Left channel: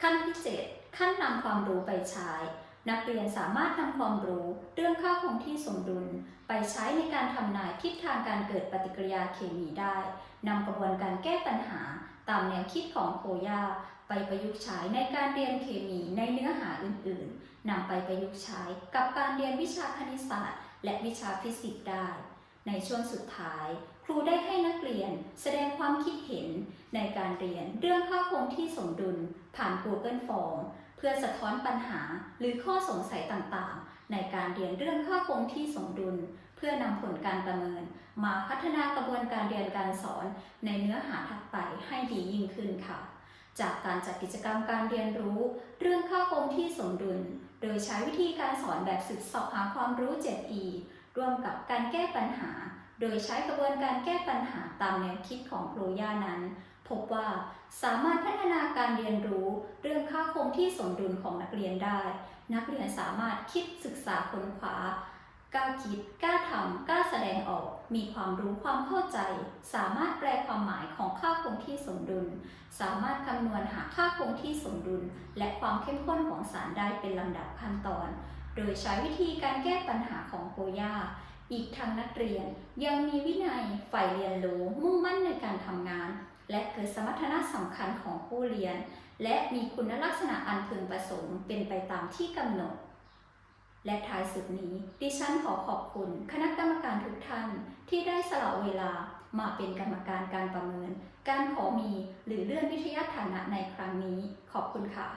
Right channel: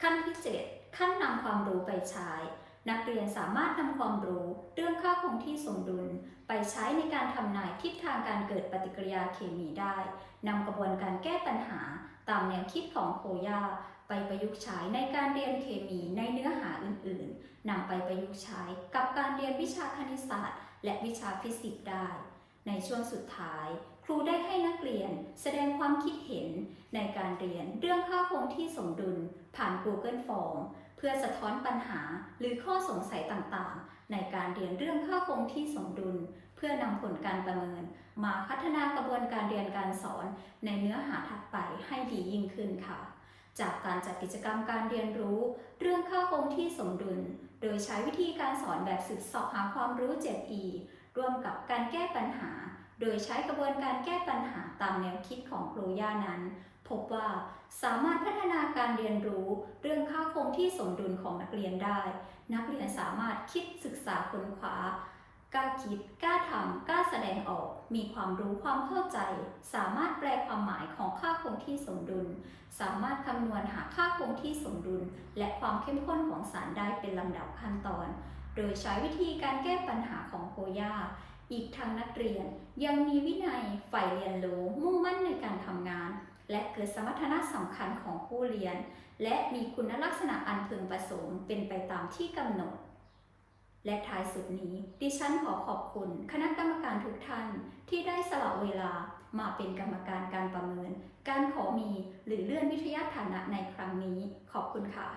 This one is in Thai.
ขั้นที่ 7 ขั้นนำความรู้ไปใช้ นักเรียนสามารถนำความรู้เรื่องค่าคงที่สมดุล ไปใช้ในการทำนายทิศทางการเกิดปฏิกิริยาเคมีได้นำกระบวนการแก้ปัญหา ตามแนวคิดของโคยาไปประยุกต์ใช้ในการเรียนเคมีในเนื้อหาอื่นๆนำไปประยุกต์ใช้กับการเรียนวิชาคณิตศาสตร์ และวิชาฟิสิกส์ได้ ในช่วงสุดท้าย ครูได้ให้นักเรียนแสดงความคิดเห็นในการเรียนเรื่องค่าคงที่สมดุลผ่าน Google Form เพื่อสะท้อนปัญหาหรือข้อสงสัยต่างๆ ในการเรียนเรื่องค่าคงที่สมดุล เพื่อนำผลการประเมิน มาพัฒนากระบวนการเรียนการสอนในเนื้อหาถัดไปให้ดียิ่งขึ้นค่ะ จากการจัดกิจกรรมการเรียนรู้ เรื่องค่าคงที่สมดุล โดยใช้วิธีการสอนแบบศึกษาหาความรู้ 7E ร่วมกับการแก้ปัญหา โดยใช้กระบวนการแก้ปัญหาตามแนวคิดของโครย่านั้น พบว่าสามารถพัฒนาการเรียนรู้เรื่องค่าคงที่สมดุลของนักเรียนได้ นักเรียนสามารถคิดศึกษาค้นคว้ากล้าคิดกล้าทำกล้าแสดงออก มีความรู้ความเข้าใจ สามารถแปลความหมายของค่าคงที่สมดุล สามารถคำนวณหาค่าคงที่สมดุล และความเข้มข้นของสารได้เป็นลำดับขั้นตอน โดยใช้วิธีการแก้ปัญหาของโคย่า อีกทั้งนักเรียนยังมีวินัยใฝ่เรียนรู้มุ่งมั่นในการทำงาน และเกิดสมรรถนะสำคัญของผู้เรียน และมีคุณลักษณะอันพึงประสงค์เป็นไปตามที่กำหนด และท้ายสุดนี้ ดิฉันขอขอบคุณ คณะกรรมการทุกท่านที่ได้สละเวลามาเป็นกรรมการการประเมิน การขอมีหรือเลื่อนวิทยาฐานะในครั้งนี้ ขอบคุณค่ะ